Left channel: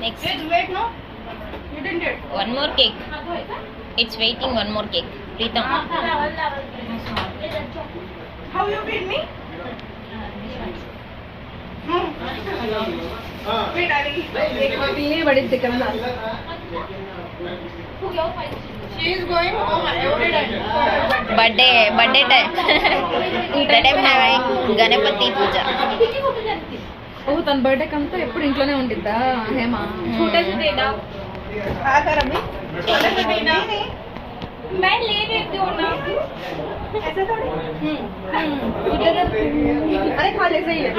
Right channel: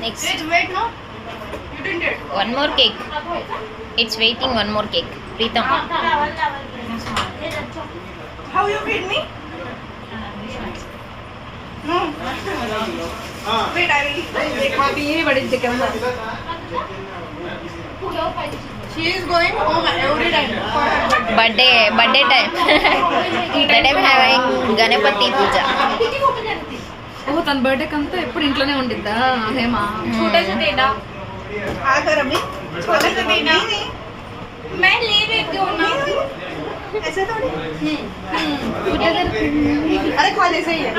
Next. Wait, no. You didn't do it. One more cake. It's waiting. One more cake. Pritam. How you feed me? No. Wait, I will. She is going home every time for her birthday. Birthday time. That I'm having Ganapati Puja. ఓహ్ తన birthday కంతా ఎప్పుడు ఇంట్లోనే ఉండిద్దా హేమా छोटा सा देना आकर अभी छोटा सा देना मैं ले देती हूँ ना ऐसा तो अरे खा ले सही है